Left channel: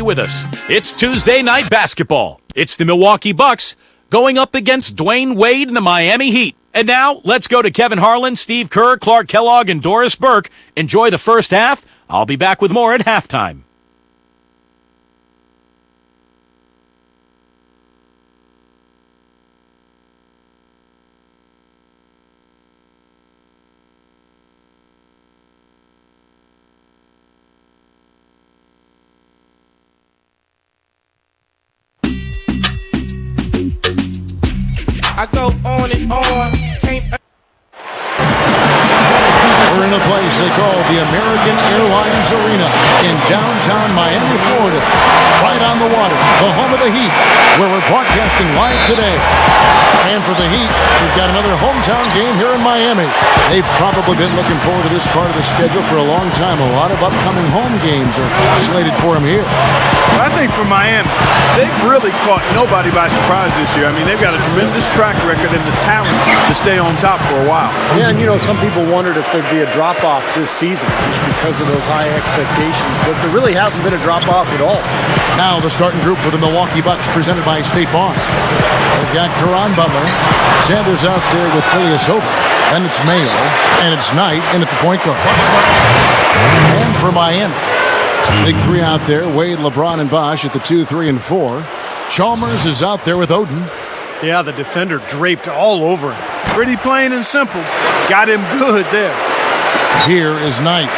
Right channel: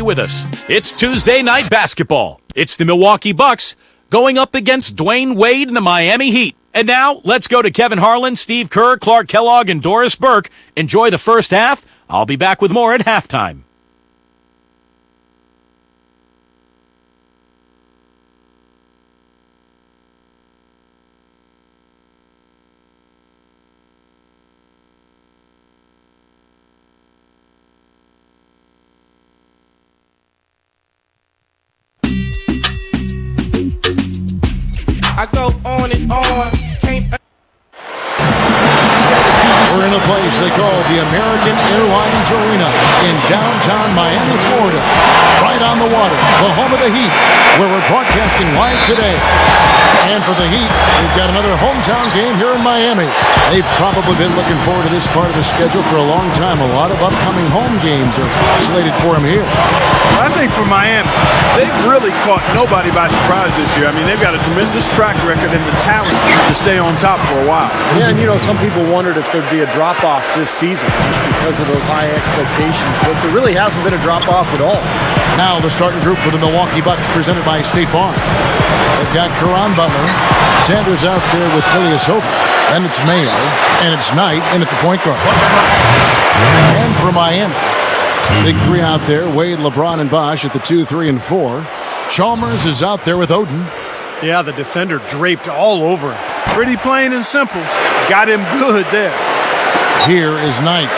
Milwaukee with us. It's Tuesday night basketball. It's the Milwaukee Bucks going up against Dwayne Wade and the Miami Heat. And now, let's go to Kevin Harlan, Steve Kerr, Clark Kellogg, and Doris Burke. Enjoy the first half. I'll be back with more at halftime. I go on and on. We're in a place they call the American Airlines Arena in downtown Miami, Florida. Right on the water, the home of the Heat, where we're broadcasting live today. And for the Heat, we've got another hometown game here in Miami. They've probably been looking forward to this part of the schedule for a long time. A lot of upcoming home games are slated for them here. Well, I think for Miami, they've really caught nobody by surprise this year. I mean, they've got a tremendous track record and the talent to stay on top for a while. Yeah, and some people wondered if there'd be a drop-off this season just because of those high expectations, but there really hasn't been a drop-off at all. Now the starting group for the Milwaukee Bucks presented by State Farm. They've got Caron Butler, Sanders out there with Ilyasova, then it's Mayo, and it's Knight in at the point guard. And for Miami, big three out there, Wade, LeBron, and Bosh at the 2, 3, and 4. Chalmers is out there with Oden. Yeah, the defender draped all over him. Pretty plain and simple. Got him good there. Here is Knight.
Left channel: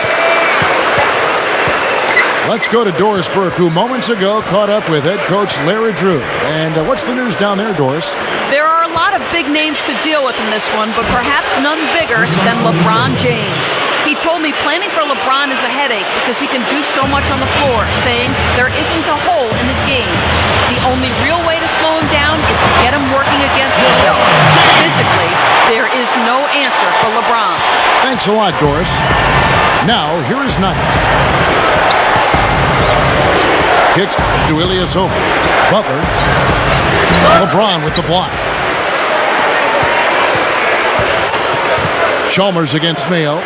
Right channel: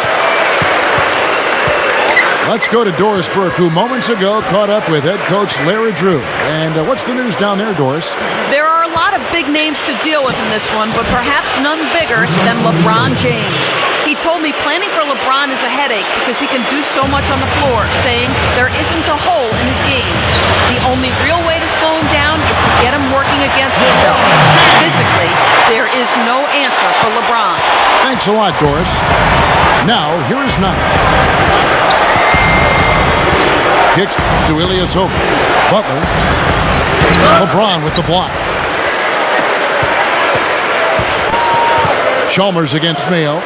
Let's go to Doris Burke, who moments ago caught up with head coach Larry Drew. And what's the news down there, Doris? There are a lot of big names to deal with in this one, but perhaps none bigger than LeBron James. He told me planning for LeBron is a headache because he can do so much on the floor, saying there isn't a hole in his game. The only real way to slow him down is to get him working against himself. Physically, there is no answer for LeBron. Thanks a lot, Doris. Now, here is Knight. Kicks to Ilyasova. Butler. LeBron with the block. Chalmers against Mayo.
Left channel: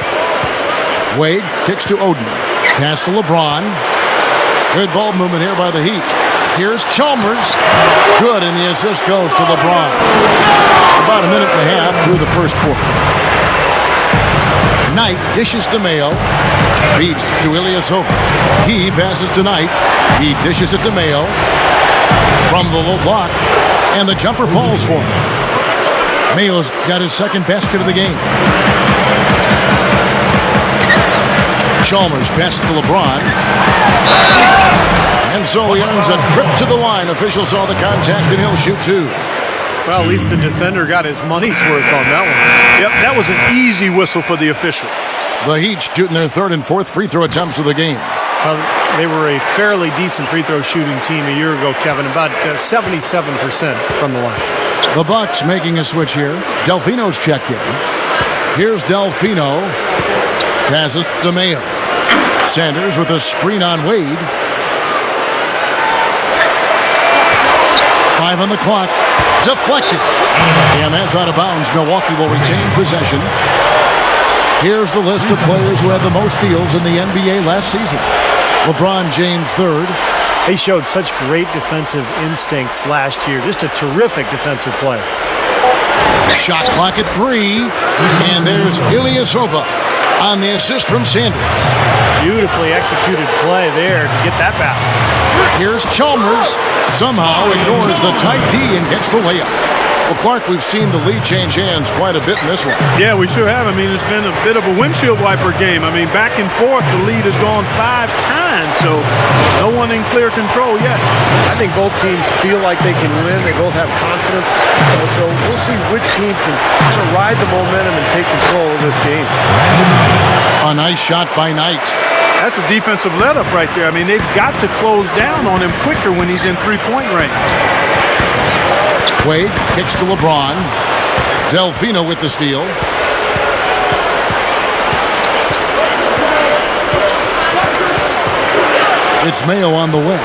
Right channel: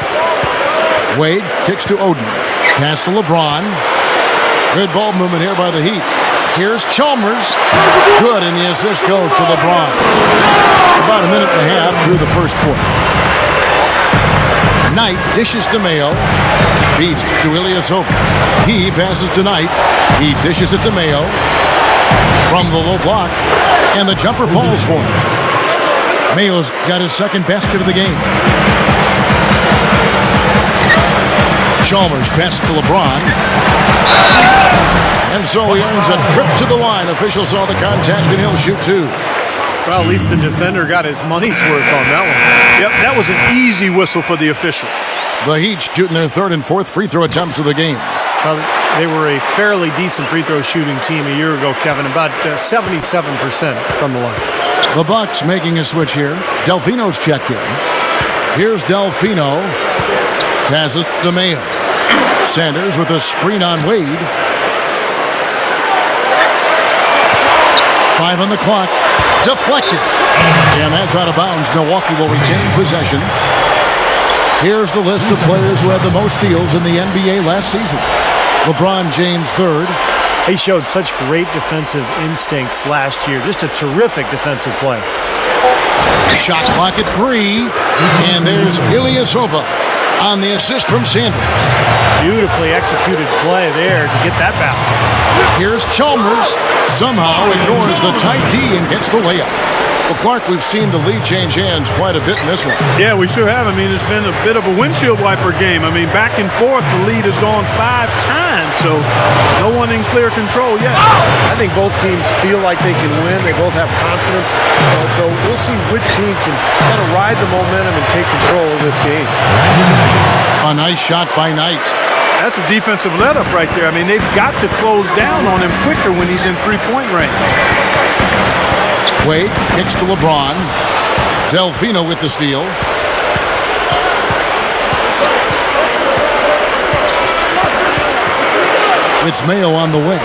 Wade kicks to Oden. Pass to LeBron. Good ball movement here by the Heat. Here's Chalmers. Good, and the assist goes to LeBron. About a minute and a half through the first quarter. Knight dishes to Mayo. Feeds to Ilyasova. He passes to Knight. He dishes it to Mayo. From the low block. And the jumper falls for him. Mayo's got his second basket of the game. Chalmers passes to LeBron. And so he earns a trip to the line. Officials saw the contact and he'll shoot two. Well, at least the defender got his money's worth on that one. Yep, that was an easy whistle for the official. The Heat shooting their third and fourth free throw attempts of the game. Well, they were a fairly decent free throw shooting team a year ago, Kevin, about 77% from the line. The Bucks making a switch here. Delfino's checked in. Here's Delfino. Passes to Mayo. Sanders with a screen on Wade. 5 on the clock. Deflected. And that's out of bounds. Milwaukee will retain possession. Here's the list of players who had the most steals in the NBA last season. LeBron James third. He showed such great defensive instincts last year. Just a terrific defensive player. Shot clock at 3. And there's Ilyasova on the assist from Sanders. Beautifully executed play there to get that basket. Here's Chalmers. Somehow ignores the tight D and gets the layup. Well, Clark, we've seen the lead change hands quite a bit in this one. Yeah, we sure have. I mean, it's been a bit of a windshield wiper game. I mean, back and forth, the lead has gone 5 times, so no one in clear control yet. I think both teams feel like they can win. They both have confidence. So we'll see which team can kind of ride the momentum and take control of this game. A nice shot by Knight. That's a defensive let-up right there. I mean, they've got to close down on him quicker when he's in three-point range. Wade kicks to LeBron. Delfino with the steal. It's Mayo on the wing.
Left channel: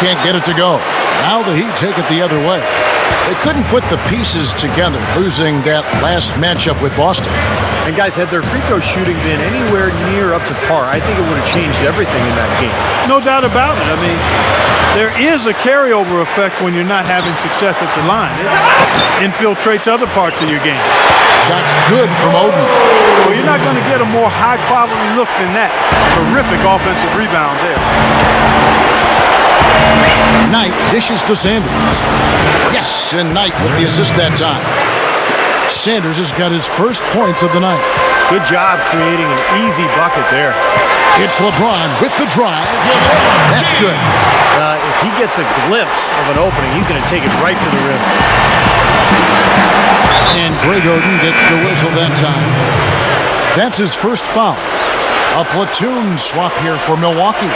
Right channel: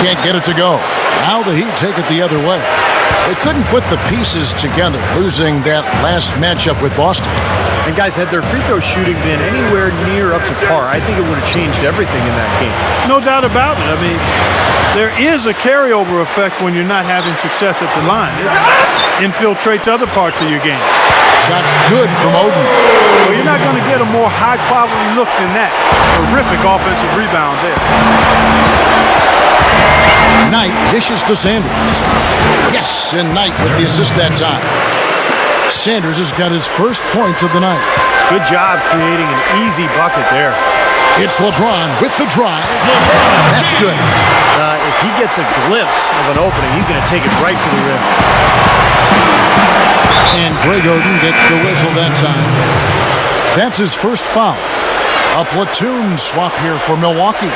Can't get it to go. Now the Heat take it the other way. They couldn't put the pieces together, losing that last matchup with Boston. And guys, had their free throw shooting been anywhere near up to par, I think it would have changed everything in that game. No doubt about it. I mean, there is a carryover effect when you're not having success at the line. It infiltrates other parts of your game. Shot's good from Oden. Well, you're not going to get a more high-quality look than that. Terrific offensive rebound there. Knight dishes to Sanders. Yes, and Knight with the assist that time. Sanders has got his first points of the night. Good job creating an easy bucket there. It's LeBron with the drive. That's good. If he gets a glimpse of an opening, he's going to take it right to the rim. And Greg Oden gets the whistle that time. That's his first foul. A platoon swap here for Milwaukee.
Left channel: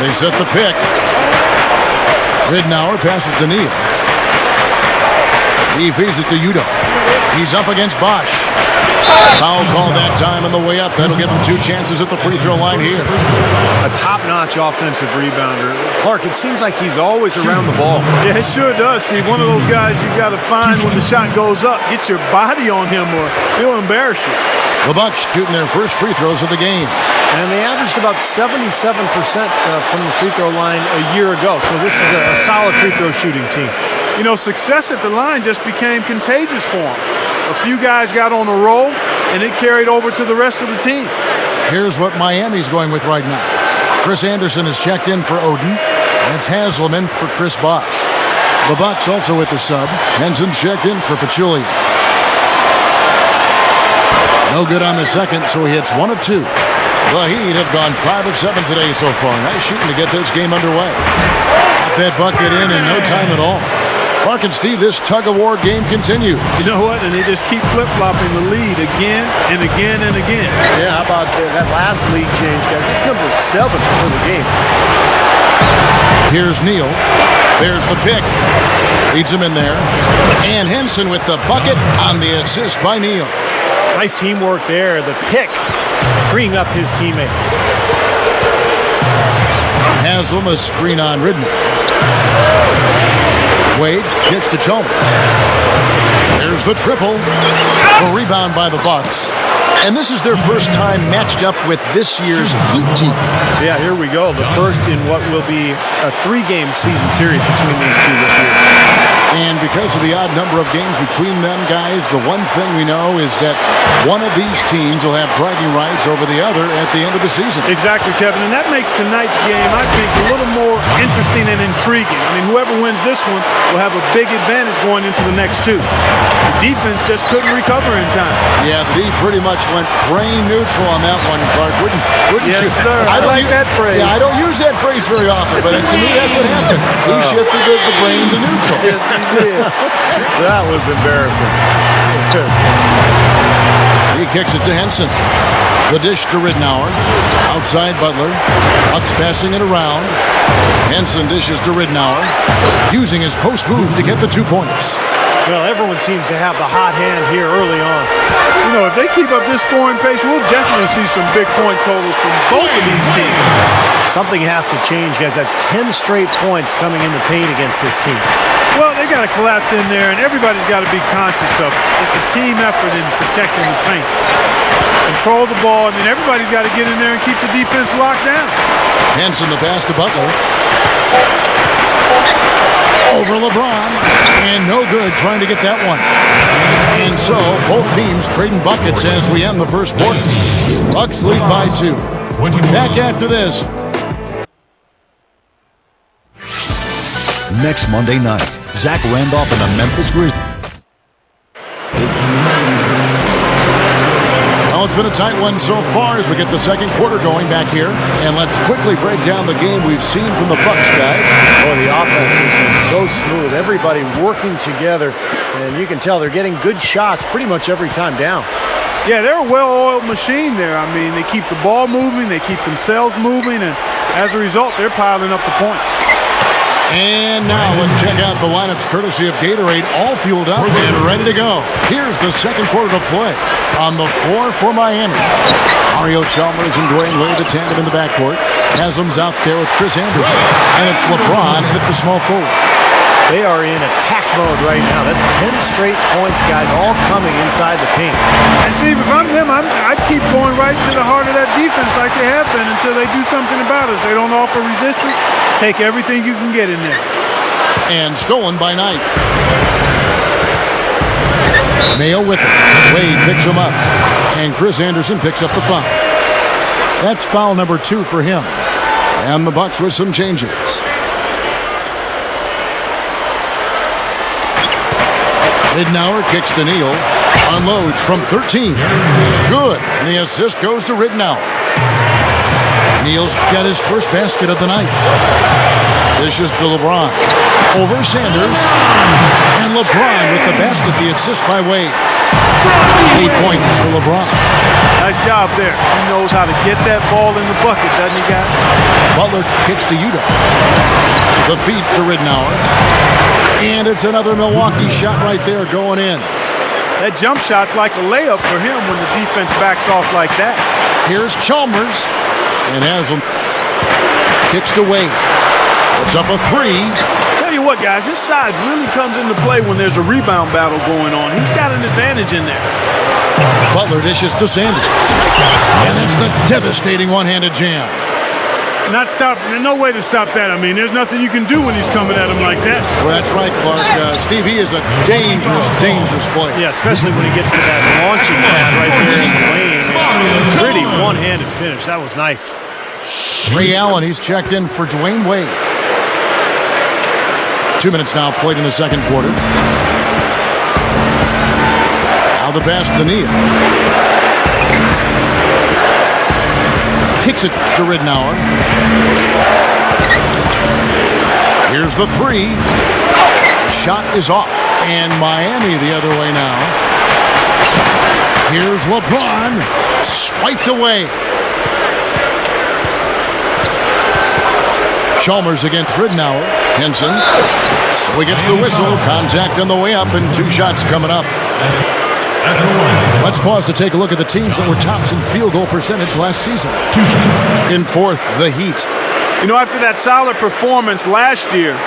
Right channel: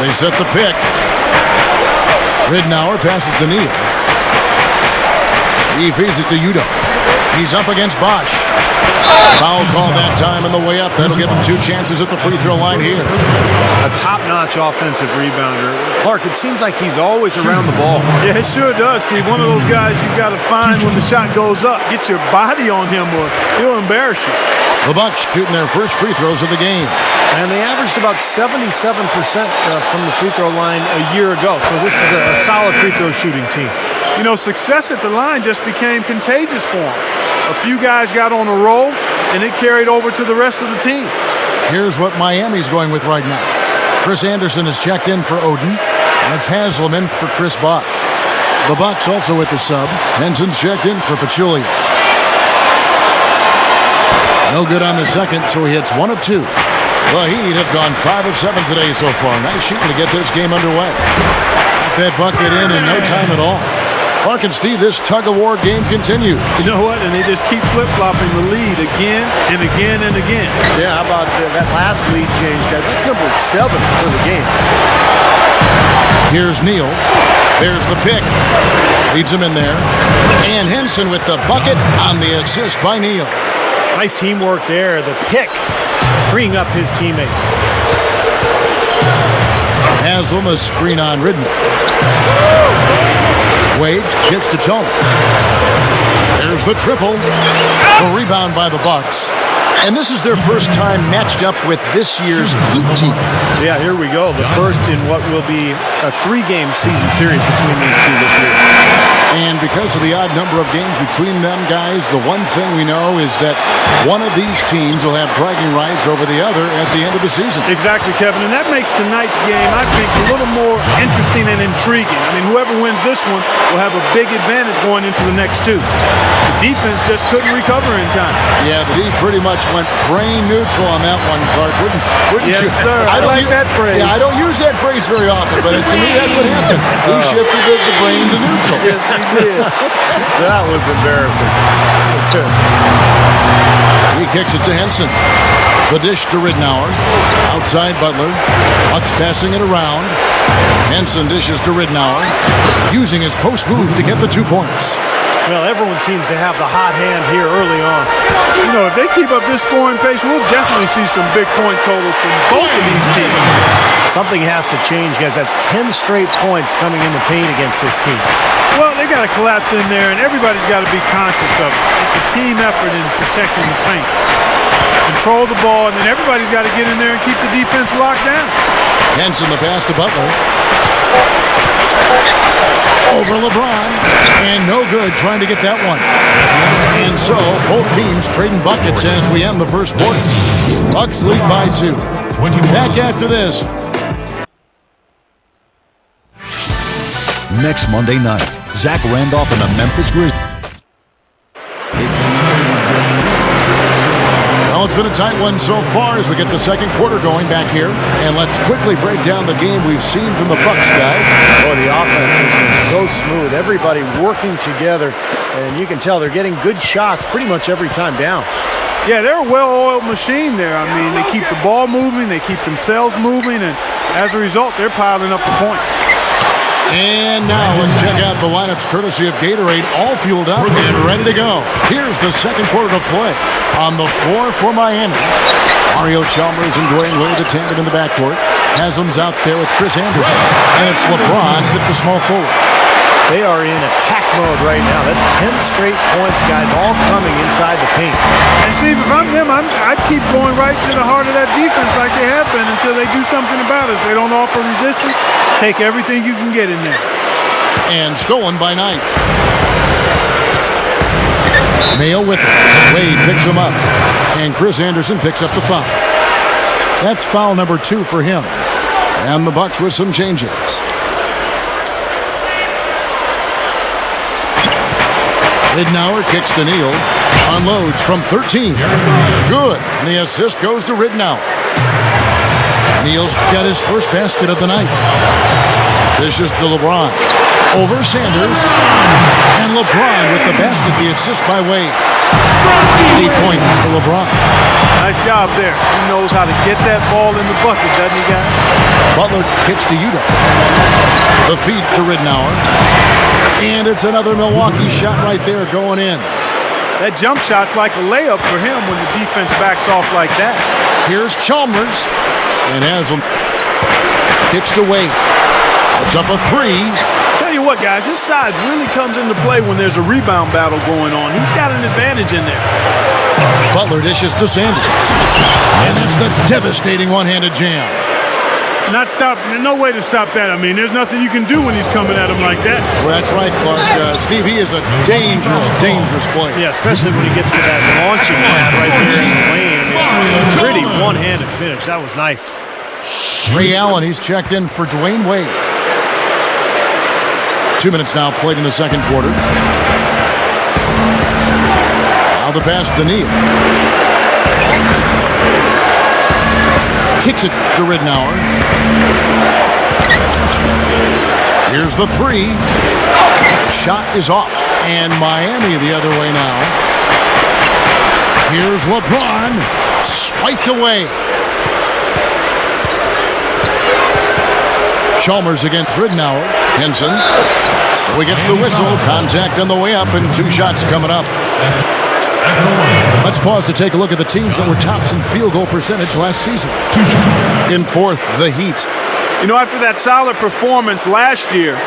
They set the pick. Ridnour passes to Neal. He feeds it to Udo. He's up against Bosch. Foul call that time on the way up. That'll give him 2 chances at the free throw line here. A top-notch offensive rebounder. Clark, it seems like he's always around the ball. Yeah, it sure does, Steve. One of those guys you've got to find when the shot goes up. Get your body on him or he'll embarrass you. The Bucks shooting their first free throws of the game. And they averaged about 77% from the free throw line a year ago. So this is a solid free throw shooting team. You know, success at the line just became contagious for them. A few guys got on a roll, and it carried over to the rest of the team. Here's what Miami's going with right now. Chris Anderson is checked in for Oden. That's Haslam for Chris Bosch. The Bucks also with the sub. Henson's checked in for Pachulia. No good on the second, so he hits 1 of 2. The Heat have gone 5 of 7 today so far. Nice shooting to get this game underway. Got that bucket in no time at all. Clark and Steve, this tug-of-war game continues. You know what? And they just keep flip-flopping the lead again and again and again. Yeah, how about that last lead change, guys? That's number 7 for the game. Here's Neal. There's the pick. Leads him in there. And Henson with the bucket on the assist by Neal. Nice teamwork there. The pick freeing up his teammate. Haslam a screen on Ridnour. Wade kicks to Chalmers. There's the triple. The rebound by the Bucks. And this is their first time matched up with this year's Heat team. Yeah, here we go. The first in what will be a 3-game season series between these two this year. And because of the odd number of games between them, guys, the one thing we know is that one of these teams will have bragging rights over the other at the end of the season. Exactly, Kevin. And that makes tonight's game, I think, a little more interesting and intriguing. I mean, whoever wins this one will have a big advantage going into the next 2. The defense just couldn't recover in time. Yeah, the D pretty much went brain neutral on that one, Clark. Wouldn't yes, you? Sir. I like that phrase. Yeah, I don't use that phrase very often, but to me, that's what happened. He shifted the brain to neutral. Yes, he did. That was embarrassing. He kicks it to Henson. The dish to Ridnour. Outside Butler. Bucks passing it around. Henson dishes to Ridnour. Using his post move to get the 2 points. Well, everyone seems to have the hot hand here early on. You know, if they keep up this scoring pace, we'll definitely see some big point totals from both of these teams. Something has to change, guys. That's 10 straight points coming in the paint against this team. Well, they got to collapse in there, and everybody's got to be conscious of it. It's a team effort in protecting the paint. Control the ball, and then everybody's got to get in there and keep the defense locked down. Henson the pass to Butler. Over LeBron, and no good trying to get that one. And so, both teams trading buckets as we end the first quarter. Bucks lead by 2. Back after this. Next Monday night, Zach Randolph and the Memphis Grizzlies. It's amazing. Well, it's been a tight one so far as we get the second quarter going back here. And let's quickly break down the game we've seen from the Bucks, guys. Boy, the offense has been so smooth. Everybody working together, and you can tell they're getting good shots pretty much every time down. Yeah, they're a well-oiled machine there. I mean, they keep the ball moving, they keep themselves moving, and as a result, they're piling up the points. And now let's check out the lineups courtesy of Gatorade, all fueled up and ready to go. Here's the second quarter of play. On the floor for Miami, Mario Chalmers and Dwayne Wade, the tandem in the backcourt. Haslam's out there with Chris Anderson. And it's LeBron at the small forward. They are in attack mode right now. That's 10 straight points, guys, all coming inside the paint. And Steve, if I'm them, I'd keep going right to the heart of that defense like they have been until they do something about it. If they don't offer resistance, take everything you can get in there. And stolen by Knight. Mayo with it. Wade picks him up. And Chris Anderson picks up the foul. That's foul number 2 for him. And the Bucks with some changes. Ridnour kicks to Neal. Unloads from 13. Good. And the assist goes to Ridnour. Neal's got his first basket of the night. Dishes to LeBron. Over Sanders. And LeBron with the basket, the assist by Wade. 8 points for LeBron. Nice job there. He knows how to get that ball in the bucket, doesn't he, guys? Butler kicks to Udo. The feed to Ridnour. And it's another Milwaukee shot right there going in. That jump shot's like a layup for him when the defense backs off like that. Here's Chalmers. And Haslam kicks to Wade. It's up a 3. Tell you what, guys, his size really comes into play when there's a rebound battle going on. He's got an advantage in there. Butler dishes to Sanders. And it's the devastating one-handed jam. No way to stop that. I mean, there's nothing you can do when he's coming at him like that. Well, that's right, Clark. Steve, he is a dangerous player. Yeah, especially when he gets to that launching pad right there in the lane. I mean, pretty one-handed finish. That was nice. Ray Allen, he's checked in for Dwayne Wade. 2 minutes now played in the second quarter. Now the pass to Neal. Kicks it to Ridnour. Here's the 3. Shot is off. And Miami the other way now. Here's LeBron. Swiped away. Chalmers against Ridnour. Henson. So he gets the whistle. Contact on the way up and 2 shots coming up. Let's pause to take a look at the teams that were tops in field goal percentage last season. In fourth, the Heat. You know, after that solid performance last year,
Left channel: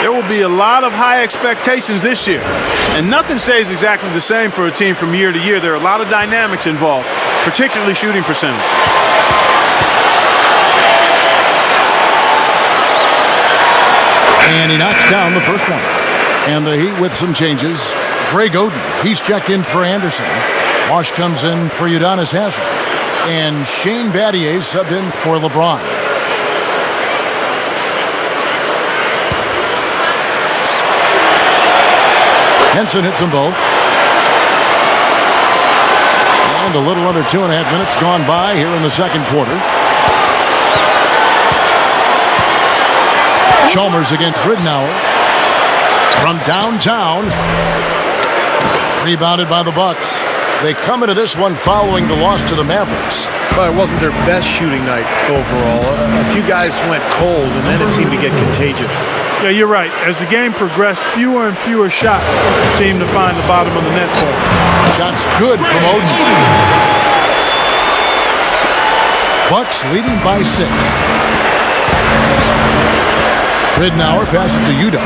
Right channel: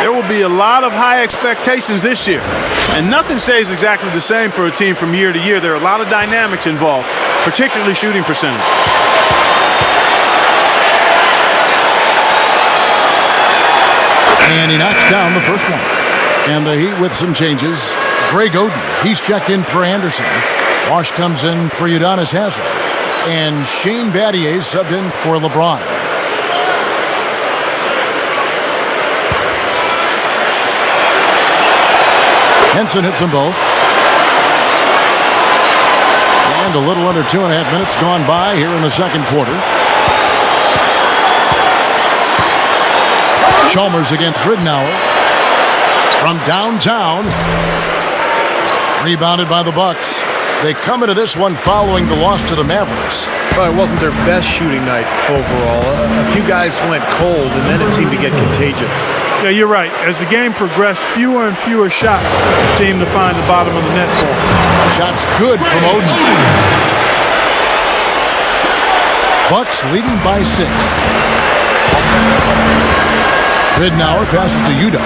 there will be a lot of high expectations this year. And nothing stays exactly the same for a team from year to year. There are a lot of dynamics involved, particularly shooting percentage. And he knocks down the first one. And the Heat with some changes. Greg Oden, he's checked in for Anderson. Wash comes in for Udonis Haslam. And Shane Battier subbed in for LeBron. Henson hits them both. And a little under 2.5 minutes gone by here in the second quarter. Chalmers against Ridnour. From downtown. Rebounded by the Bucks. They come into this one following the loss to the Mavericks. But it wasn't their best shooting night overall. A few guys went cold, and then it seemed to get contagious. Yeah, you're right. As the game progressed, fewer and fewer shots seemed to find the bottom of the net for him. Shots good from Oden. Bucks leading by 6. Ridnour passes to Udo.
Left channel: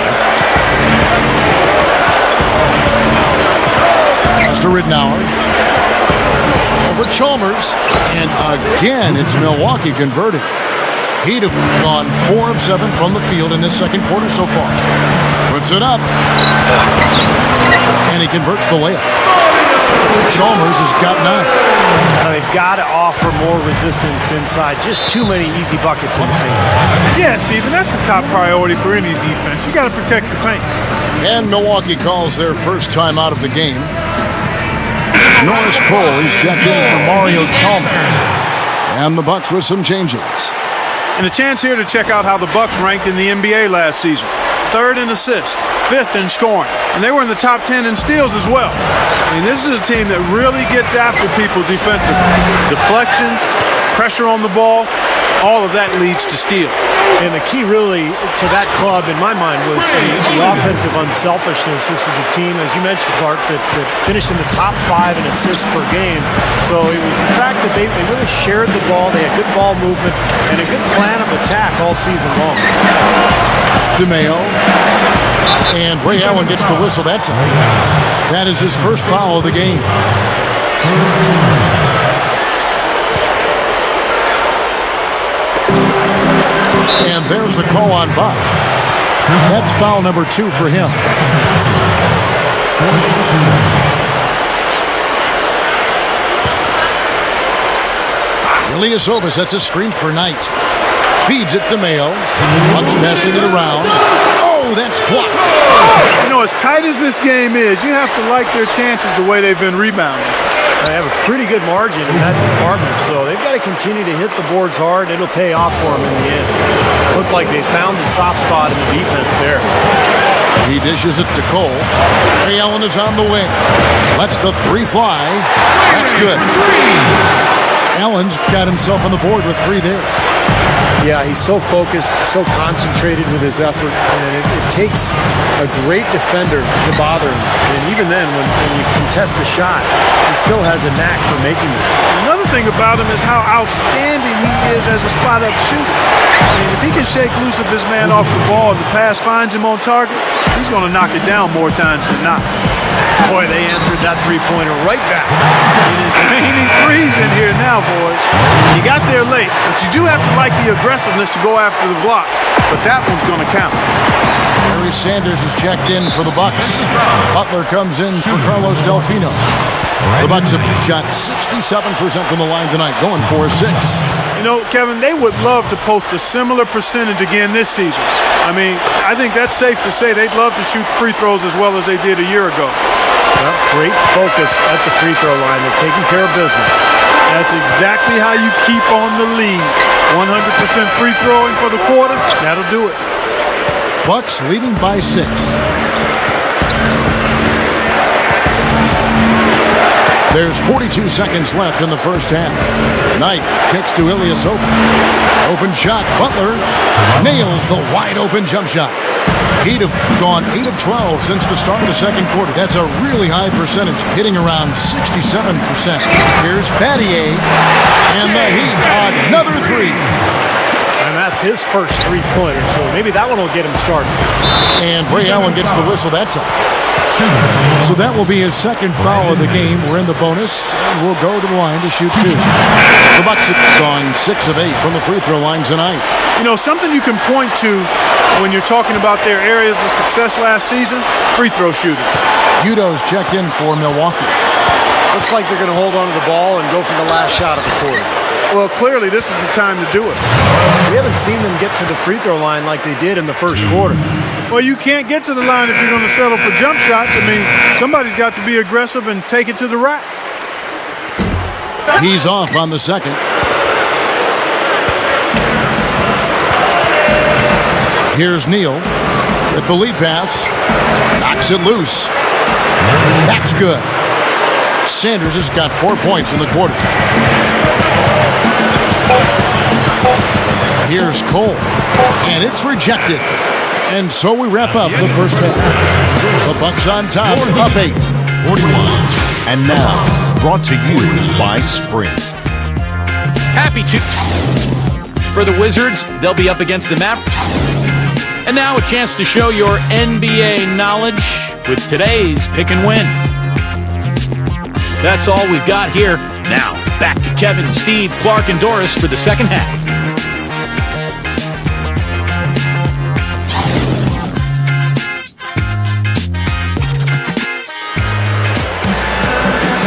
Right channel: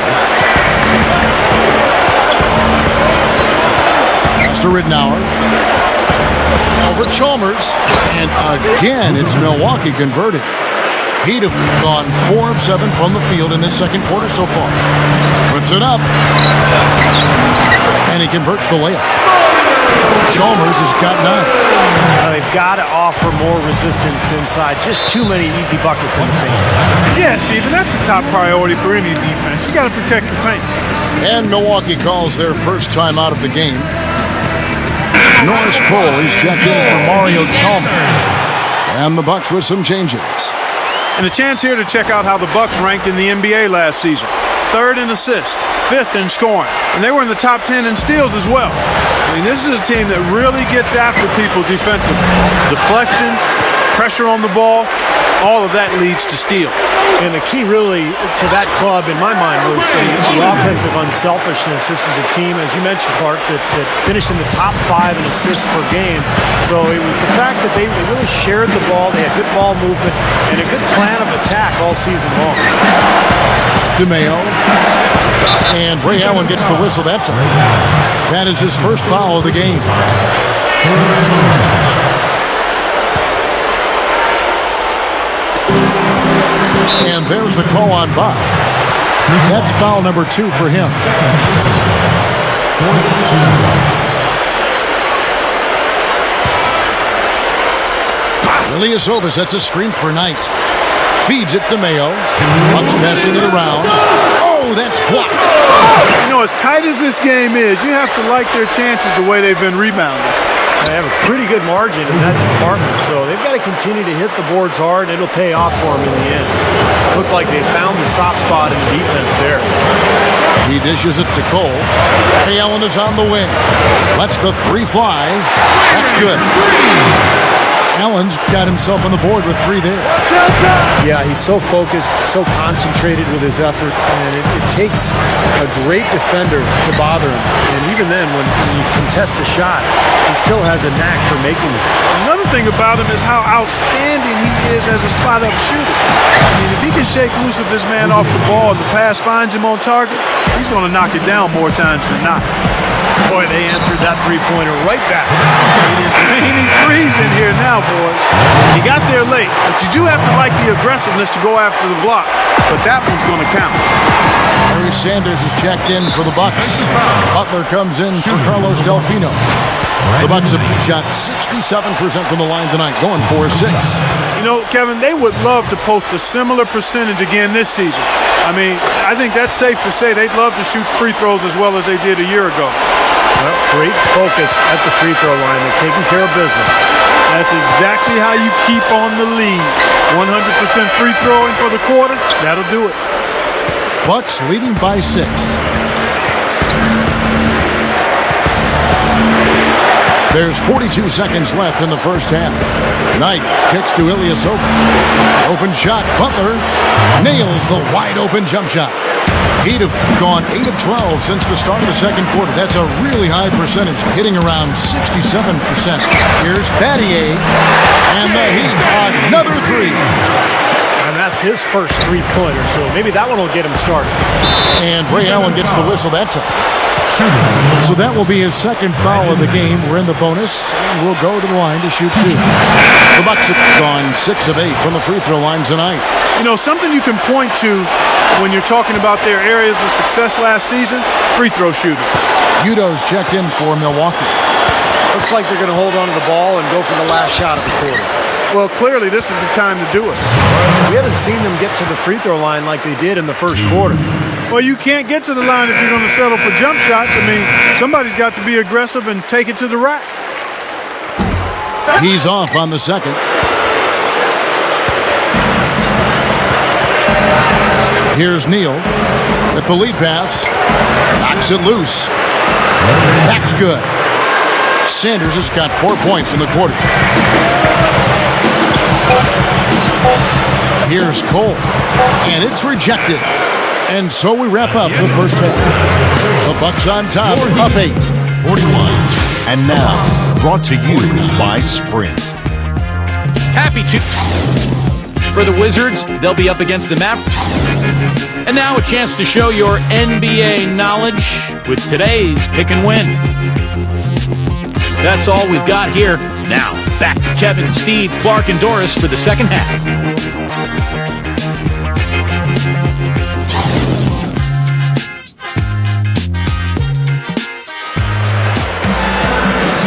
To Ridnour. Over Chalmers. And again, it's Milwaukee converted. He'd have gone 4 of 7 from the field in this second quarter so far. Puts it up. And he converts the layup. Chalmers has got 9. They've got to offer more resistance inside. Just too many easy buckets in the paint. Yeah, Steve, and that's the top priority for any defense. You got to protect the paint. And Milwaukee calls their first time out of the game. Norris Cole, he's checked in for Mario Chalmers. And the Bucks with some changes. And a chance here to check out how the Bucks ranked in the NBA last season. 3rd in assists, 5th in scoring. And they were in the top 10 in steals as well. I mean, this is a team that really gets after people defensively. Deflections, pressure on the ball, all of that leads to steals. And the key really to that club, in my mind, was the offensive unselfishness. This was a team, as you mentioned, Clark, that finished in the top 5 in assists per game. So it was the fact that they really shared the ball. They had good ball movement and a good plan of attack all season long. DeMayo. And Ray Allen gets the whistle that time. That is his first foul of the game. And there's the call on Bosch. That's foul number 2 for him. Ilyasova sets a screen for Knight. Feeds it to Mayo. Bucks passing it around. Oh, that's blocked. You know, as tight as this game is, you have to like their chances the way they've been rebounding. They have a pretty good margin in that department, so they've got to continue to hit the boards hard, and it'll pay off for them in the end. Looked like they found the soft spot in the defense there. He dishes it to Cole. Ray Allen is on the wing. Lets the 3 fly. That's good. Allen's got himself on the board with 3 there. Yeah, he's so focused, so concentrated with his effort, and it takes a great defender to bother him. And even then, when you contest the shot, he still has a knack for making them. Another thing about him is how outstanding he is as a spot-up shooter. I mean, if he can shake loose of his man off the ball and the pass finds him on target, he's going to knock it down more times than not. Boy, they answered that three-pointer right back. It is raining threes in here now, boys. You got there late, but you do have to like the aggressiveness to go after the block. But that one's going to count. Larry Sanders is checked in for the Bucks. Butler comes in for Carlos Delfino. The Bucks have shot 67% from the line tonight, going 4-6. You know, Kevin, they would love to post a similar percentage again this season. I mean, I think that's safe to say they'd love to shoot free throws as well as they did a year ago. Well, great focus at the free throw line. They're taking care of business. That's exactly how you keep on the lead. 100% free throwing for the quarter, that'll do it. Bucks leading by 6. There's 42 seconds left in the first half. Knight kicks to Ilyasova. Open shot. Butler nails the wide open jump shot. He'd have gone 8 of 12 since the start of the second quarter. That's a really high percentage, hitting around 67%. Here's Battier, and the Heat, another 3. And that's his first three-pointer, so maybe that one will get him started. And Ray Allen gets the whistle that time. So that will be his second foul of the game. We're in the bonus, and we'll go to the line to shoot 2. The Bucks have gone 6 of 8 from the free throw line tonight. You know, something you can point to when you're talking about their areas of success last season, free throw shooting. Udo's checked in for Milwaukee. Looks like they're going to hold on to the ball and go for the last shot of the quarter. Well, clearly this is the time to do it. We haven't seen them get to the free throw line like they did in the first quarter. Well, you can't get to the line if you're going to settle for jump shots. I mean, somebody's got to be aggressive and take it to the rack. He's off on the second. Here's Neal with the lead pass. Knocks it loose. That's good. Sanders has got 4 points in the quarter. Here's Cole. And it's rejected. And so we wrap up the first half. The Bucks on top, up 8. 41. And now, brought to you by Sprint. Happy to. For the Wizards, they'll be up against the Mavericks. And now a chance to show your NBA knowledge with today's Pick and Win. That's all we've got here. Now, back to Kevin, Steve, Clark, and Doris for the second half.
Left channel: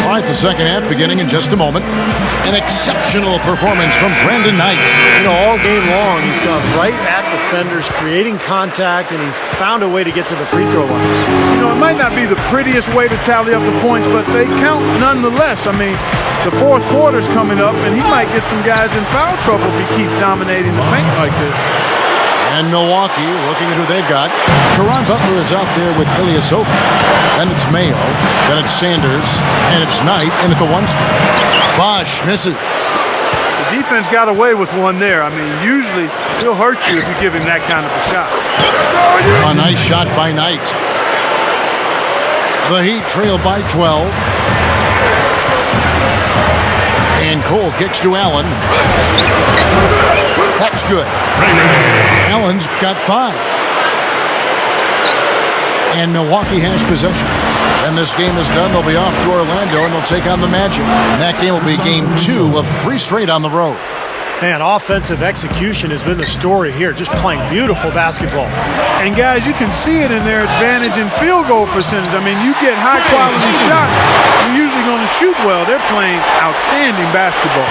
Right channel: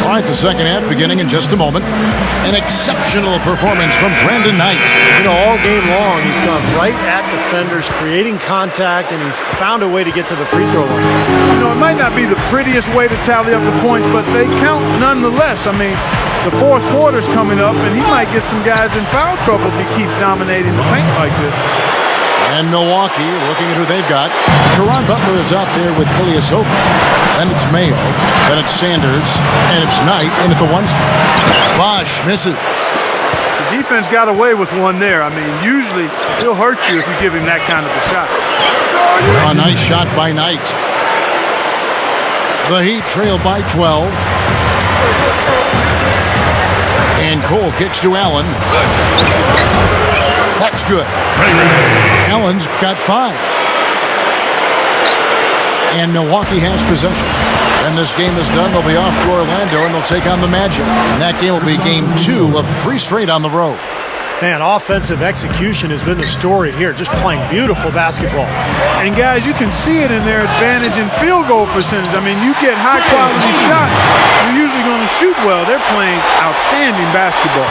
All right, the second half beginning in just a moment. An exceptional performance from Brandon Knight. You know, all game long, he's gone right at defenders, creating contact, and he's found a way to get to the free throw line. You know, it might not be the prettiest way to tally up the points, but they count nonetheless. I mean, the fourth quarter's coming up, and he might get some guys in foul trouble if he keeps dominating the paint like this. And Milwaukee, looking at who they've got. Caron Butler is out there with Ilyasova. Then it's Mayo. Then it's Sanders. And it's Knight in at the 1 spot. Bosch misses. The defense got away with one there. I mean, usually he'll hurt you if you give him that kind of a shot. A nice shot by Knight. The Heat trail by 12. And Cole kicks to Allen. That's good. Allen's got 5. And Milwaukee has possession. When this game is done, they'll be off to Orlando and they'll take on the Magic. And that game will be game 2 of 3 straight on the road. Man, offensive execution has been the story here, just playing beautiful basketball. And guys, you can see it in their advantage in field goal percentage. I mean, you get high-quality shots, you're usually going to shoot well. They're playing outstanding basketball.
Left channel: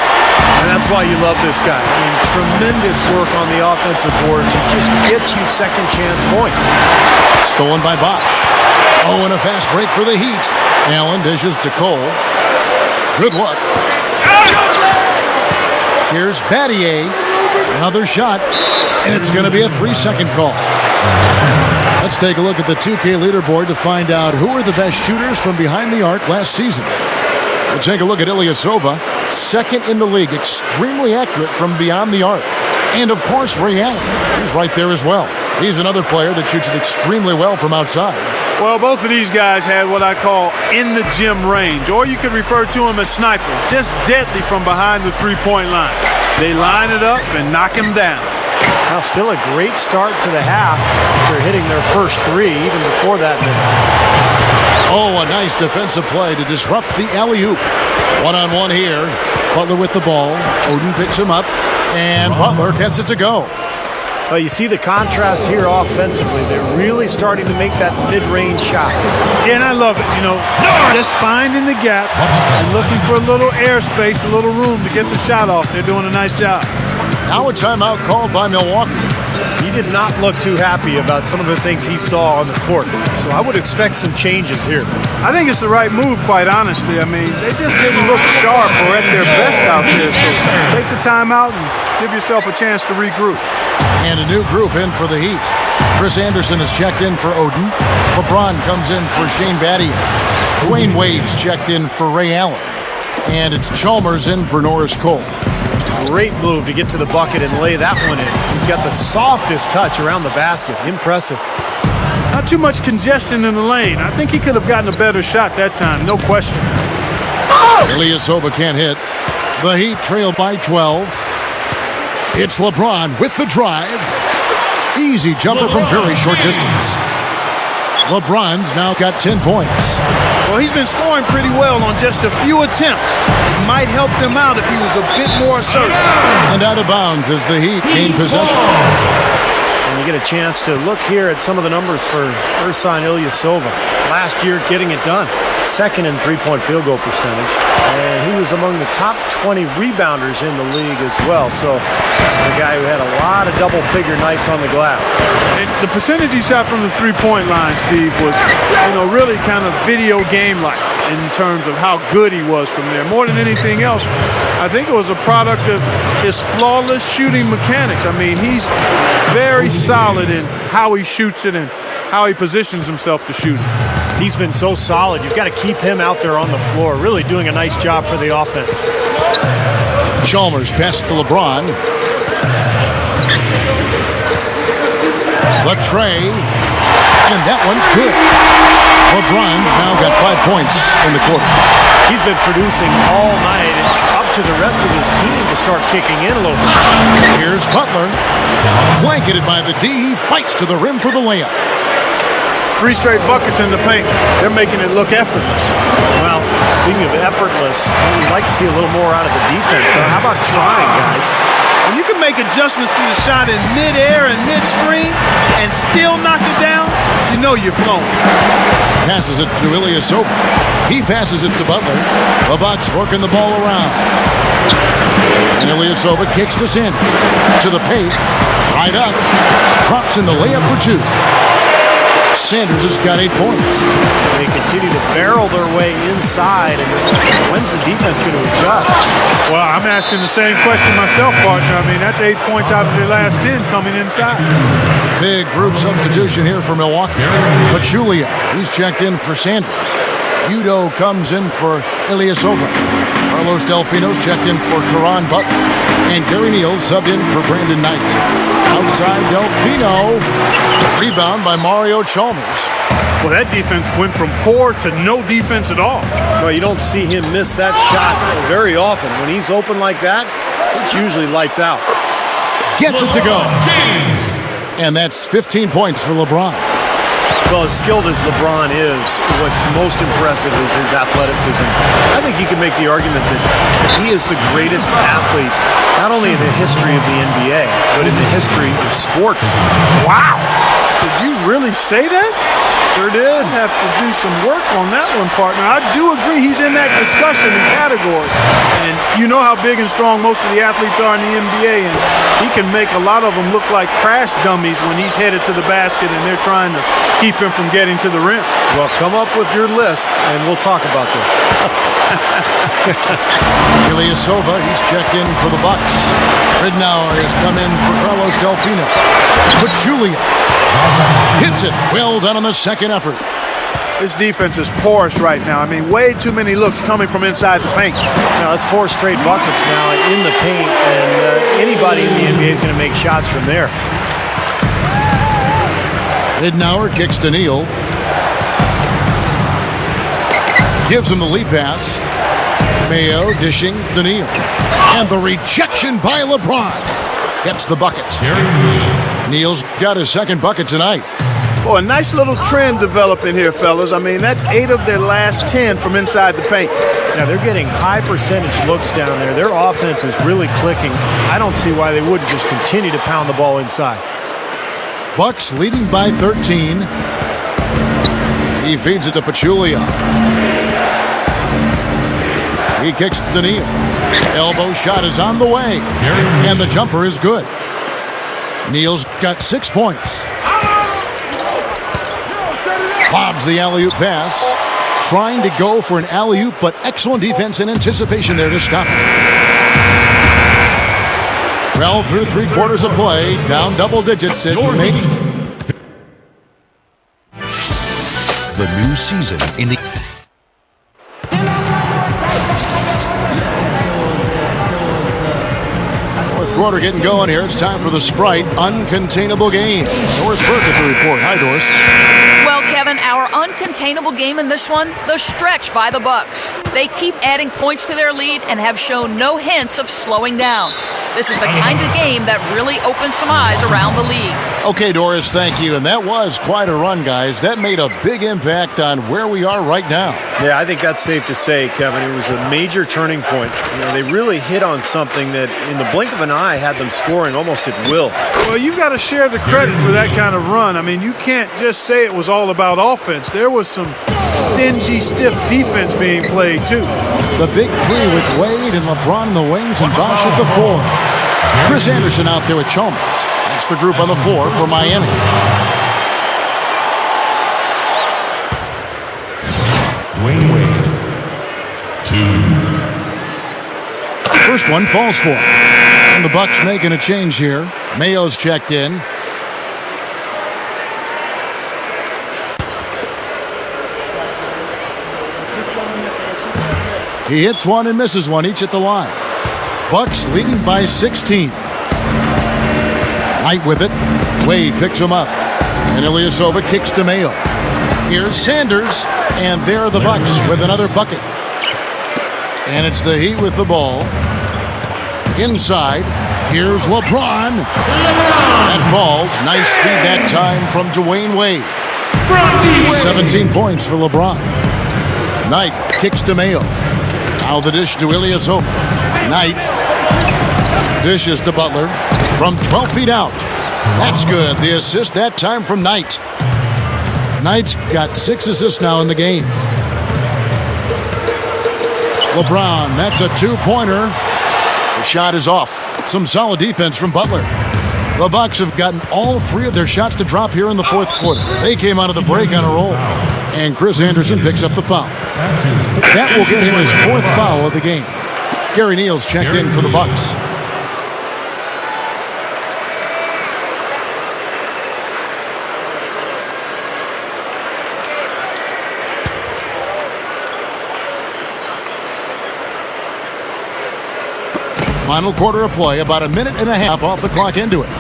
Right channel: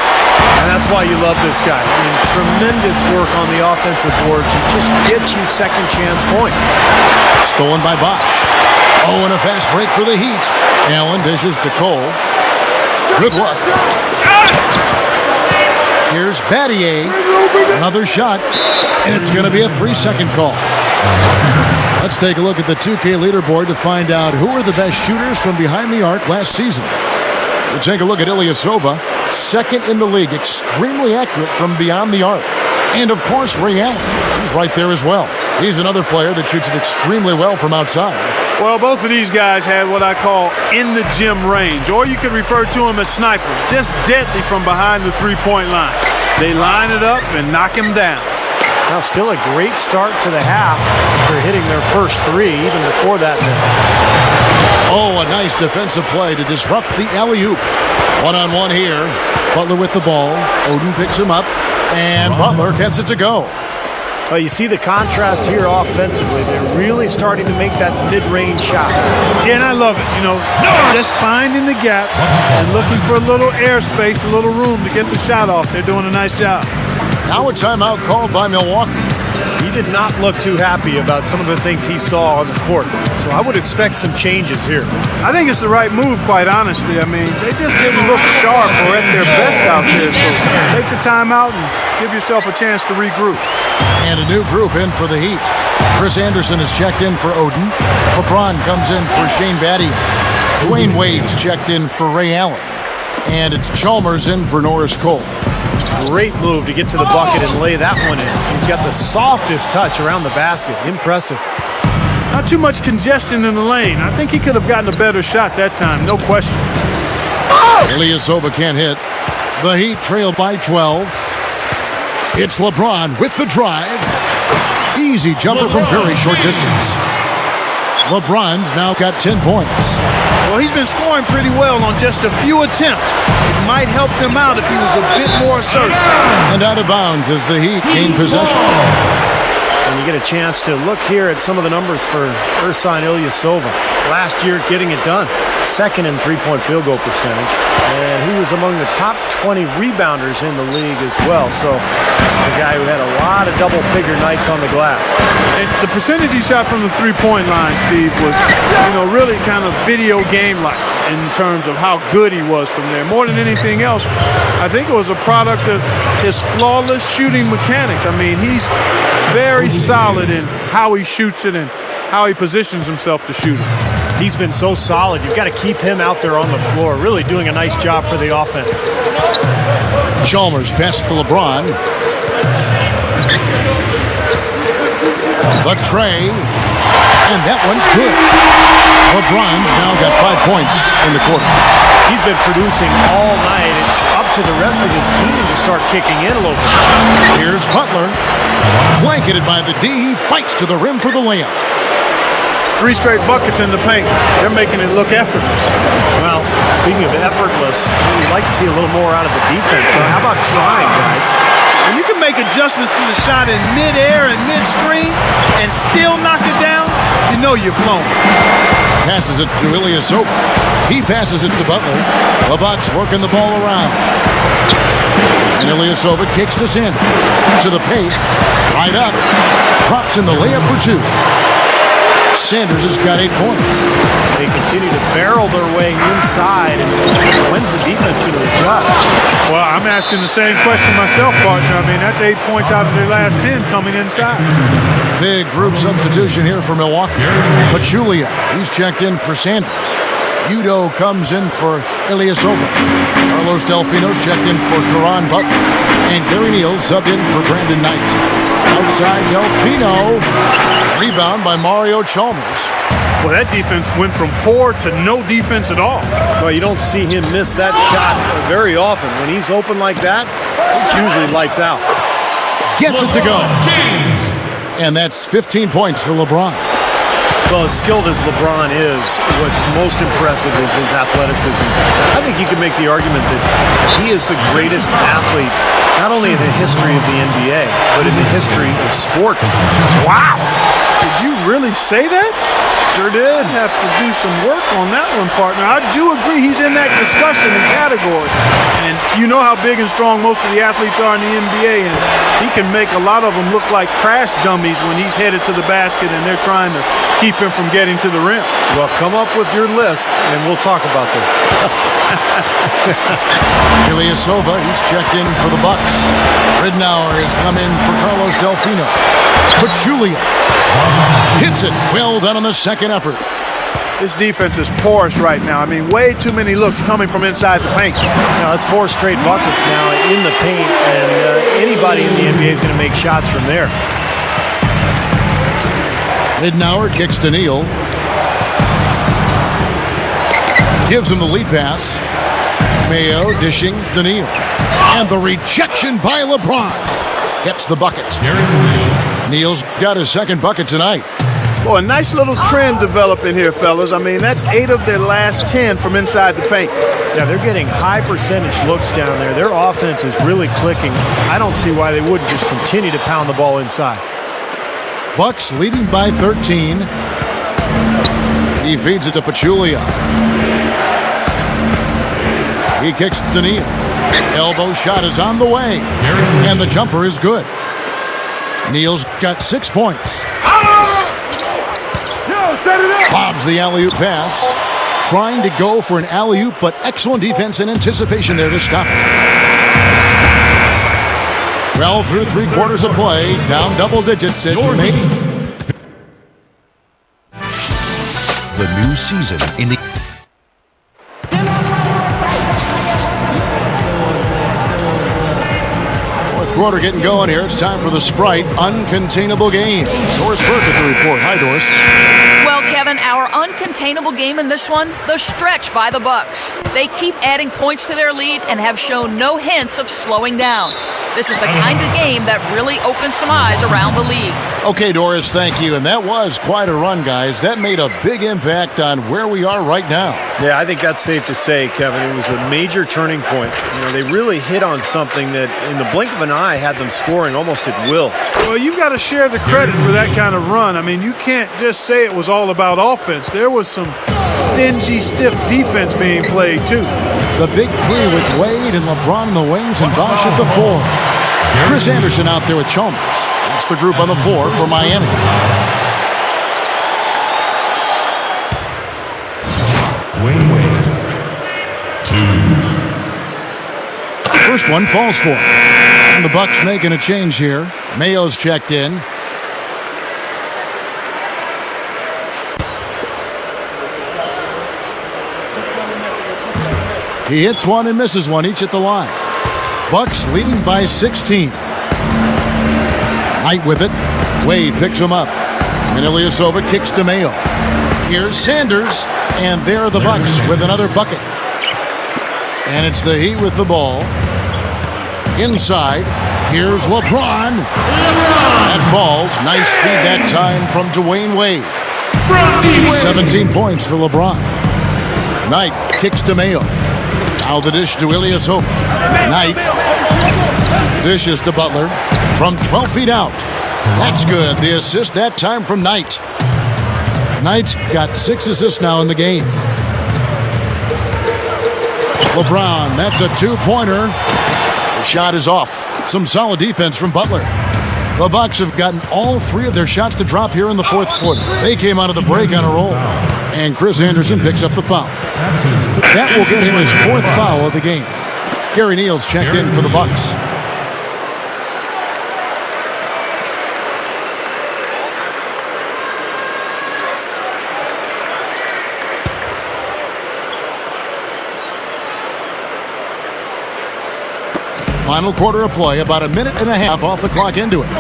And that's why you love this guy. I mean, tremendous work on the offensive boards. He just gets you second chance points. Stolen by Bosch. Oh, and a fast break for the Heat. Allen dishes to Cole. Good luck. Here's Battier. Another shot. And it's going to be a 3-second call. Let's take a look at the 2K leaderboard to find out who are the best shooters from behind the arc last season. We'll take a look at Ilyasova. Second in the league. Extremely accurate from beyond the arc. And, of course, Ray Allen. He's right there as well. He's another player that shoots it extremely well from outside. Well, both of these guys had what I call in the gym range, or you could refer to them as snipers, just deadly from behind the three-point line. They line it up and knock him down. Now, still a great start to the half after hitting their first 3, even before that miss. Oh, a nice defensive play to disrupt the alley-oop. One-on-one here. Butler with the ball. Oden picks him up, and Butler gets it to go. Well, you see the contrast here offensively. They're really starting to make that mid-range shot. Yeah, and I love it, you know, just finding the gap and looking for a little airspace, a little room to get the shot off. They're doing a nice job. Now a timeout called by Milwaukee. He did not look too happy about some of the things he saw on the court, so I would expect some changes here. I think it's the right move, quite honestly. I mean, they just didn't look sharp or at their best out there, so take the timeout and give yourself a chance to regroup. And a new group in for the Heat. Chris Anderson is checked in for Oden. LeBron comes in for Shane Battier. Dwayne Wade's checked in for Ray Allen. And it's Chalmers in for Norris Cole. Great move to get to the bucket and lay that one in. He's got the softest touch around the basket. Impressive. Not too much congestion in the lane. I think he could have gotten a better shot that time, no question. Ilyasova can't hit. The Heat trail by 12. It's LeBron with the drive. Easy jumper from very short distance. LeBron's now got 10 points. Well, he's been scoring pretty well on just a few attempts. It might help them out if he was a bit more assertive. And out of bounds as the Heat gain possession. And you get a chance to look here at some of the numbers for Ersan Ilyasova. Last year, getting it done. Second in three-point field goal percentage. And he was among the top 20 rebounders in the league as well. So this is a guy who had a lot of double-figure nights on the glass. And the percentage he shot from the three-point line, Steve, was, really kind of video game-like in terms of how good he was from there. More than anything else, I think it was a product of his flawless shooting mechanics. I mean, he's very solid in how he shoots it and how he positions himself to shoot it. He's been so solid. You've got to keep him out there on the floor, really doing a nice job for the offense. Chalmers passes to LeBron. The tray. And that one's good. LeBron's now got 5 points in the quarter. He's been producing all night. It's up to the rest of his team to start kicking in a little bit. Here's Butler. Blanketed by the D. He fights to the rim for the layup. 3 straight buckets in the paint. They're making it look effortless. Well, speaking of effortless, you'd like to see a little more out of the defense. So how about trying, guys? When you can make adjustments to the shot in midair and midstream and still knock it down, you know you're flowing. Passes it to Ilyasova. He passes it to Butler. The Bucks working the ball around. And Ilyasova kicks to Sanders. To the paint. Right up. Drops in the layup for 2. Sanders has got 8 points. They continue to barrel their way inside. And when's the defense going to adjust? Well, I'm asking the same question myself, partner. I mean, that's 8 points out of their last 10 coming inside. Big group substitution here for Milwaukee. Pachulia, he's checked in for Sanders. Udo comes in for Ilyasova. Carlos Delfino's checked in for Caron Butler. And Gary Neal subbed in for Brandon Knight. Outside Delfino. Rebound by Mario Chalmers. Well, that defense went from poor to no defense at all. Well, you don't see him miss that shot very often. When he's open like that, it's usually lights out. Gets it to go. And that's 15 points for LeBron. Well, as skilled as LeBron is, what's most impressive is his athleticism. I think you can make the argument that he is the greatest athlete, not only in the history of the NBA, but in the history of sports. Wow! Did you really say that? Sure did. I'd have to do some work on that one, partner. I do agree he's in that discussion and category. And you know how big and strong most of the athletes are in the NBA, and he can make a lot of them look like crash dummies when he's headed to the basket and they're trying to keep him from getting to the rim. Well, come up with your list, and we'll talk about this. Ilyasova, he's checked in for the Bucks. Ridnour has come in for Carlos Delfino. Pachulia hits it. Well done on the second effort. This defense is porous right now. I mean, way too many looks coming from inside the paint. Now, that's 4 straight buckets now in the paint, and anybody in the NBA is going to make shots from there. Ridnour kicks to Neal. Gives him the lead pass. Mayo dishing to Neal. And the rejection by LeBron. Gets the bucket. Neal's got his second bucket tonight. Boy, a nice little trend developing here, fellas. I mean, that's 8 of their last 10 from inside the paint. Yeah, they're getting high percentage looks down there. Their offense is really clicking. I don't see why they wouldn't just continue to pound the ball inside. Bucks leading by 13. He feeds it to Pachulia. He kicks to Neal. Elbow shot is on the way. And the jumper is good. Neal's got 6 points. Bobs the alley-oop pass. Trying to go for an alley-oop, but excellent defense and anticipation there to stop it. Well, through 3 quarters of play, down double digits at May. The new season in the Fourth quarter getting going here. It's time for the Sprite Uncontainable Game. Doris Burke at the report. Hi, Doris. Well, Kevin, our uncontainable game in this one, the stretch by the Bucks. They keep adding points to their lead and have shown no hints of slowing down. This is the kind of game that really opens some eyes around the league. Okay, Doris, thank you. And that was quite a run, guys. That made a big impact on where we are right now. Yeah, I think that's safe to say, Kevin. It was a major turning point. You know, they really hit on something that in the blink of an eye had them scoring almost at will. Well, you've got to share the credit for that kind of run. I mean, you can't just say it was all about offense. There was some stingy, stiff defense being played, too. The big 3 with Wade and LeBron in the wings and Bosh at the 4. Chris Anderson out there with Chalmers. That's the group on the floor for Miami. Dwayne Wade. 2. First one falls for him. And the Bucks making a change here. Mayo's checked in. He hits one and misses one, each at the line. Bucks leading by 16. Knight with it. Wade picks him up. And Ilyasova kicks to Mayo. Here's Sanders. And there are the Bucks with another bucket. And it's the Heat with the ball. Inside. Here's LeBron. That falls. Nice speed that time from Dwayne Wade. 17 points for LeBron. Knight kicks to Mayo. Now the dish to Ilyasova. Knight dishes to Butler from 12 feet out. That's good. The assist that time from Knight. Knight's got 6 assists now in the game. LeBron, that's a 2-pointer. The shot is off. Some solid defense from Butler. The Bucks have gotten all 3 of their shots to drop here in the fourth quarter. They came out of the break on a roll. And Chris Anderson picks up the foul. That will get him his 4th foul of the game. Gary Neal's checked in for the Bucks. Final quarter of play, about a minute and a half off the clock into it.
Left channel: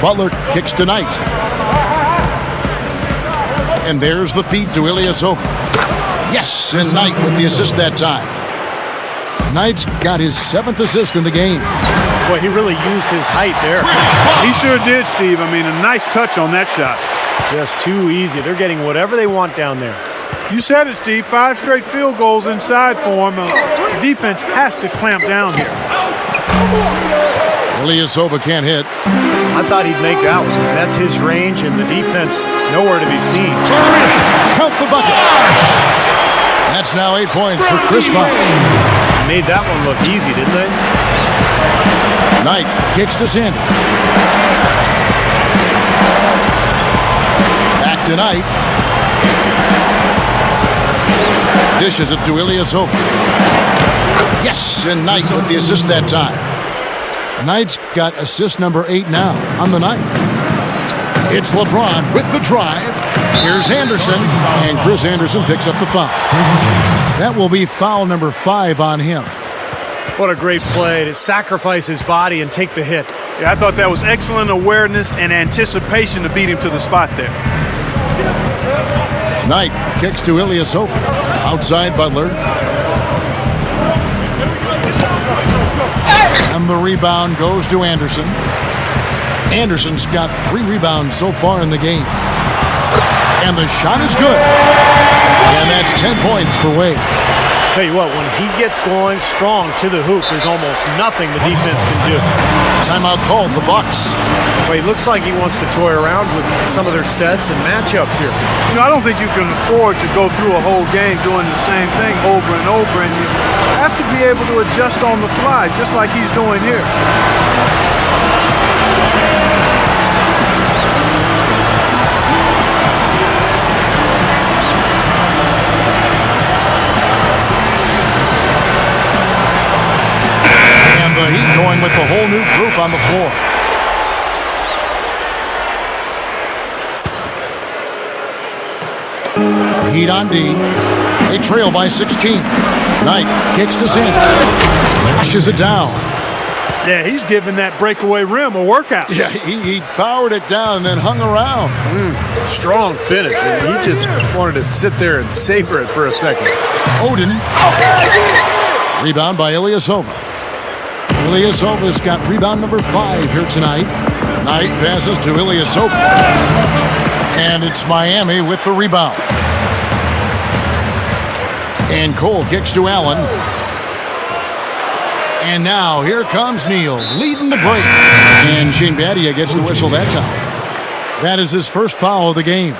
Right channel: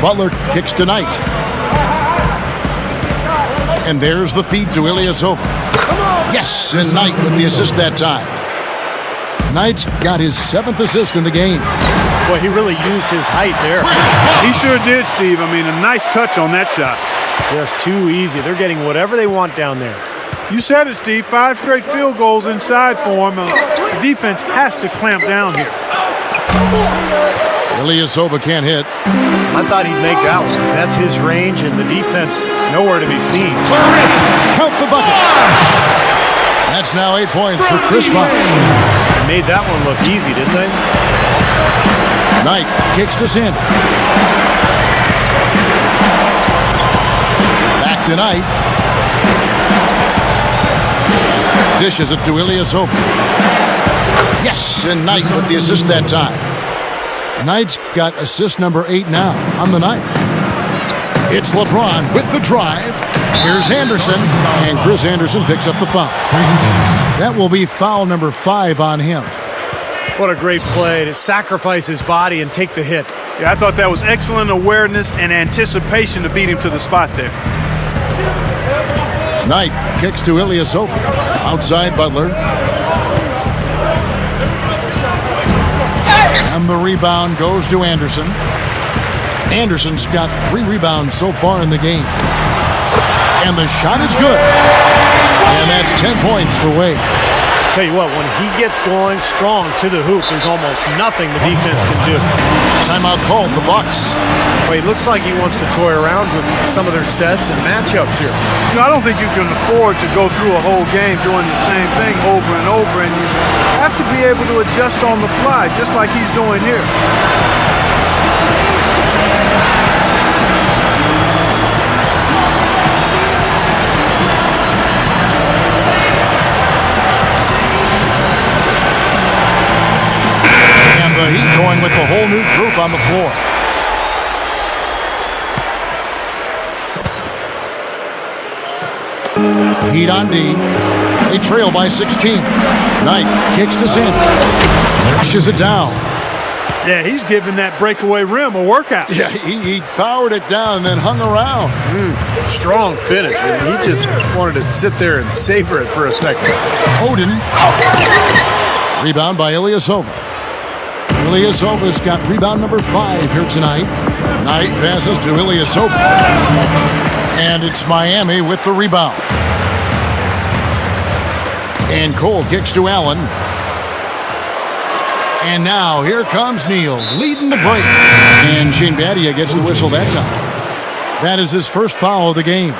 Butler kicks to Knight. And there's the feed to Ilyasova. Yes, and Knight with the assist that time. Knight's got his 7th assist in the game. Boy, he really used his height there. He sure did, Steve. I mean, a nice touch on that shot. Just too easy. They're getting whatever they want down there. You said it, Steve. 5 straight field goals inside for him. The defense has to clamp down here. Ilyasova can't hit. I thought he'd make that one. That's his range, and the defense nowhere to be seen. Count the bucket. That's now 8 points for Chris Bosh. Made that one look easy, didn't they? Knight kicks to Sanders. Back to Knight. Dishes it to Ilyasova. Yes, and Knight with the assist that time. Knight's got assist number 8 now on the night. It's LeBron with the drive. Here's Anderson, and Chris Anderson picks up the foul. That will be foul number 5 on him. What a great play to sacrifice his body and take the hit. Yeah, I thought that was excellent awareness and anticipation to beat him to the spot there. Knight kicks to Ilyasova. Outside Butler. And the rebound goes to Anderson. Anderson's got 3 rebounds so far in the game. And the shot is good. And that's 10 points for Wade. Tell you what, when he gets going strong to the hoop, there's almost nothing the defense can do. Timeout called, the Bucks. Well, he looks like he wants to toy around with some of their sets and matchups here. You know, I don't think you can afford to go through a whole game doing the same thing over and over, and you have to be able to adjust on the fly, just like he's doing here. And the Heat going with the whole new group on the floor. Heat on D. They trail by 16. Knight kicks to Sanders. Pushes it down. Yeah, he's giving that breakaway rim a workout. Yeah, he powered it down and then hung around. Strong finish. He just wanted to sit there and savor it for a second. Odin. Rebound by Ilyasova. Ilyasova's got rebound number 5 here tonight. Knight passes to Ilyasova. And it's Miami with the rebound. And Cole kicks to Allen. And now here comes Neal leading the break. And Shane Battier gets the whistle that time. That is his first foul of the game.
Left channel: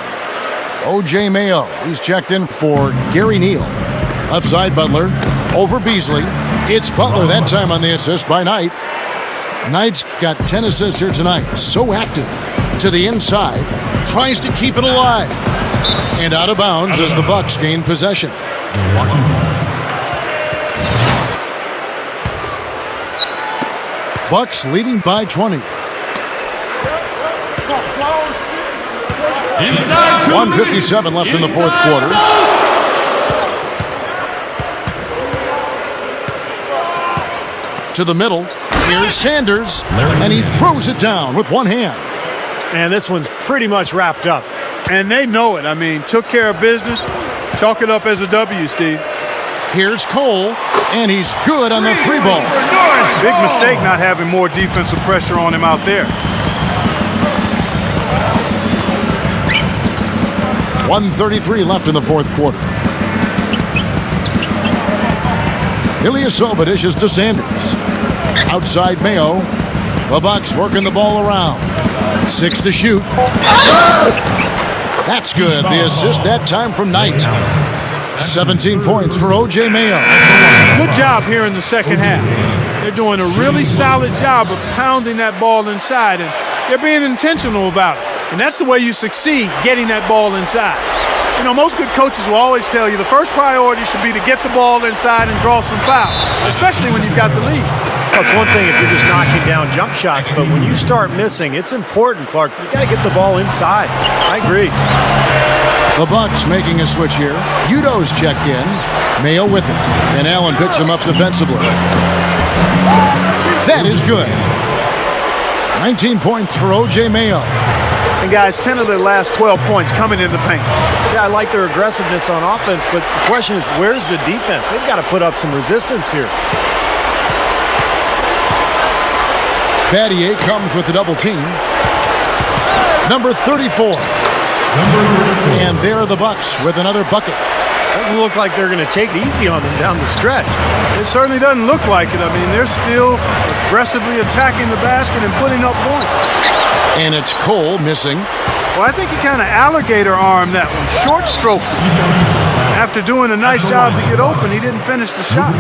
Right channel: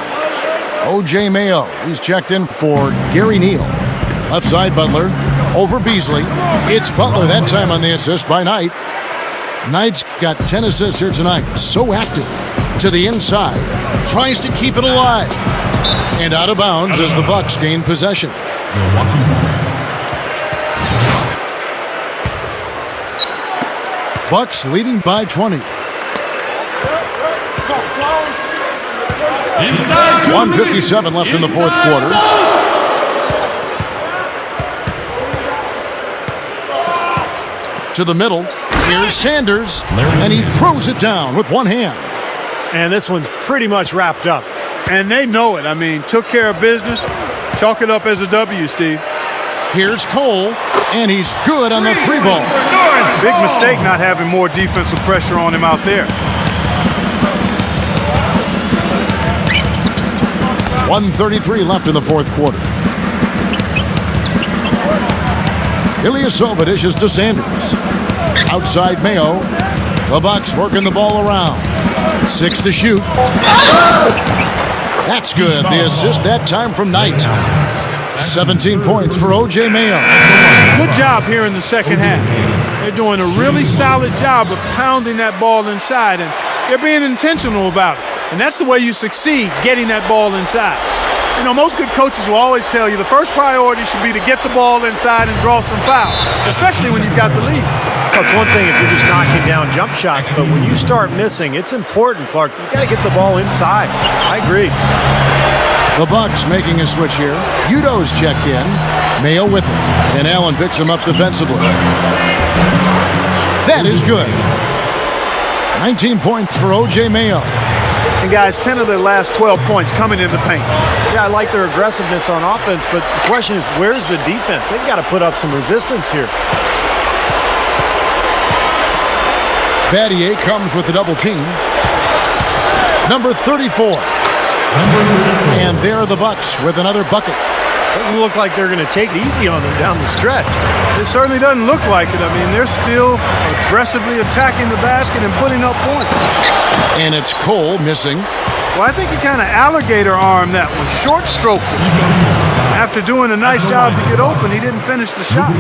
O.J. Mayo, he's checked in for Gary Neal. Left side Butler over Beasley. It's Butler that time on the assist by Knight. Knight's got 10 assists here tonight. So active to the inside. Tries to keep it alive. And out of bounds as the Bucks gain possession. Milwaukee ball. Bucks leading by 20. Inside 2 1:57 left in the fourth quarter. To the middle. Here's Sanders. And he throws it down with one hand. And this one's pretty much wrapped up. And they know it. I mean, took care of business. Chalk it up as a W, Steve. Here's Cole, and he's good on the 3-ball. Big mistake not having more defensive pressure on him out there. 1:33 left in the fourth quarter. Ilyasova dishes to Sanders. Outside Mayo. The Bucks working the ball around. 6 to shoot. That's good. The assist that time from Knight. 17 points for O.J. Mayo. Good job here in the second half. They're doing a really solid job of pounding that ball inside, and they're being intentional about it. And that's the way you succeed, getting that ball inside. You know, most good coaches will always tell you the first priority should be to get the ball inside and draw some fouls, especially when you've got the lead. Well, it's one thing if you're just knocking down jump shots, but when you start missing, it's important, Clark. You got to get the ball inside. I agree. The Bucks making a switch here. Udo's checked in. Mayo with it. And Allen picks him up defensively. That is good. 19 points for O.J. Mayo. And guys, 10 of their last 12 points coming in the paint. Yeah, I like their aggressiveness on offense, but the question is, where's the defense? They've got to put up some resistance here. Battier comes with the double team. Number 34. And there are the Bucks with another bucket. Doesn't look like they're going to take it easy on them down the stretch. It certainly doesn't look like it. I mean, they're still aggressively attacking the basket and putting up points. And it's Cole missing. Well, I think he kind of alligator armed that one, short stroked it. After doing a nice job to get open, he didn't finish the shot.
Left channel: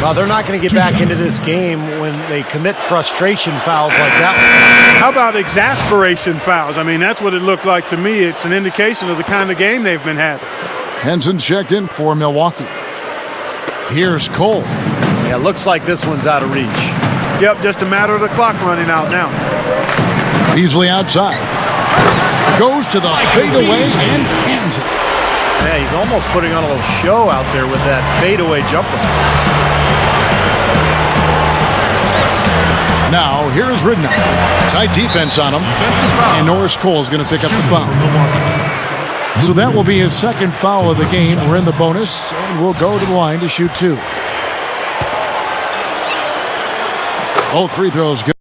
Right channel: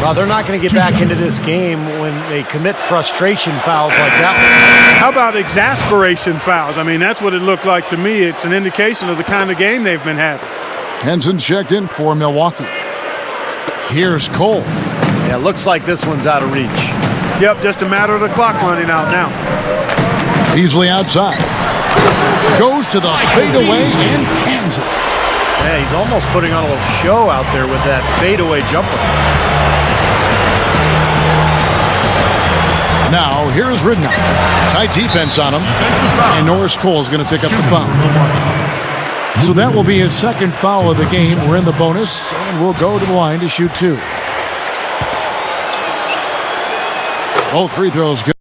Well, they're not going to get back into this game when they commit frustration fouls like that one. How about exasperation fouls? I mean, that's what it looked like to me. It's an indication of the kind of game they've been having. Henson checked in for Milwaukee. Here's Cole. Yeah, looks like this one's out of reach. Yep, just a matter of the clock running out now. Beasley outside. Goes to the fadeaway and cans it. Yeah, he's almost putting on a little show out there with that fadeaway jumper. Now, here's Ridnour. Tight defense on him. And Norris Cole is going to pick up the foul. So that will be his second foul of the game. We're in the bonus, and we'll go to the line to shoot two. Both free throws good.